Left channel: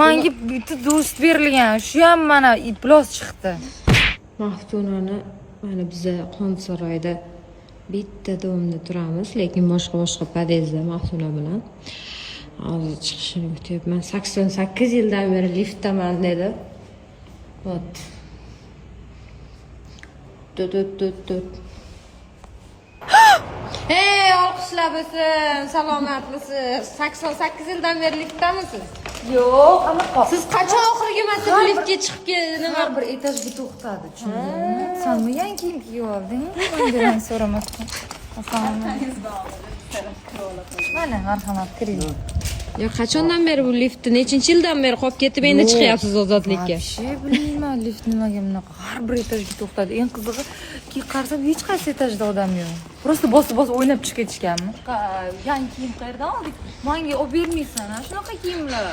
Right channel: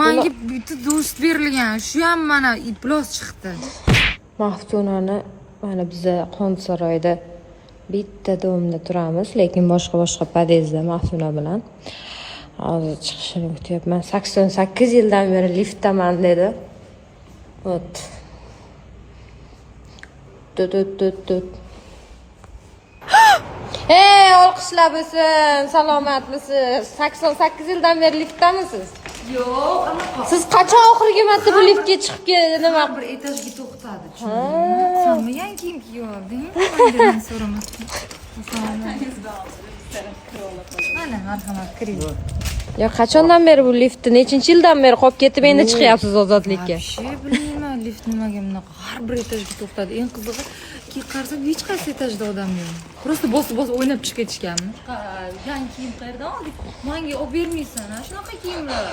Menga bitta do'st berilgan, shu ham mana iplos chiqdi. Maftunani mana biza Qonsaroyda bitta domda turamiz, lekin boshqa podyezdda Maftuna bilan. Hozir chiqishini kutyapman. 88 yildan beri liftdaman dedi. Ot. Tut. Hey, olqishlar bo'lsin. Salomatmisiz? 88 yildan beri liftdamisiz? Yo'q, anaqa. Siz qachon oxirgi marta bu liftga chiqib nima Bir etajga to'xtadi, tushundingmi? Senmi yangi kiyim kiyib olding? Mendan so'ramasdan. Mana marhamat, kiring. Yo, qachondan beri bu liftni, nechinchi yildan beri qolib ketib endi chiqyapsiz ozodlikka? Bilmayman, lift nimaga bunaqa har bir etajga to'xtadi. Eng qizig'i, qarasam hech qaysi etajda odam yo'q. Prosta bosib o'ynab chiqib ketishganmi? Yangi kiyim qayerdan oldik? Menga olib bermaysan, shunaqa kiyimlar.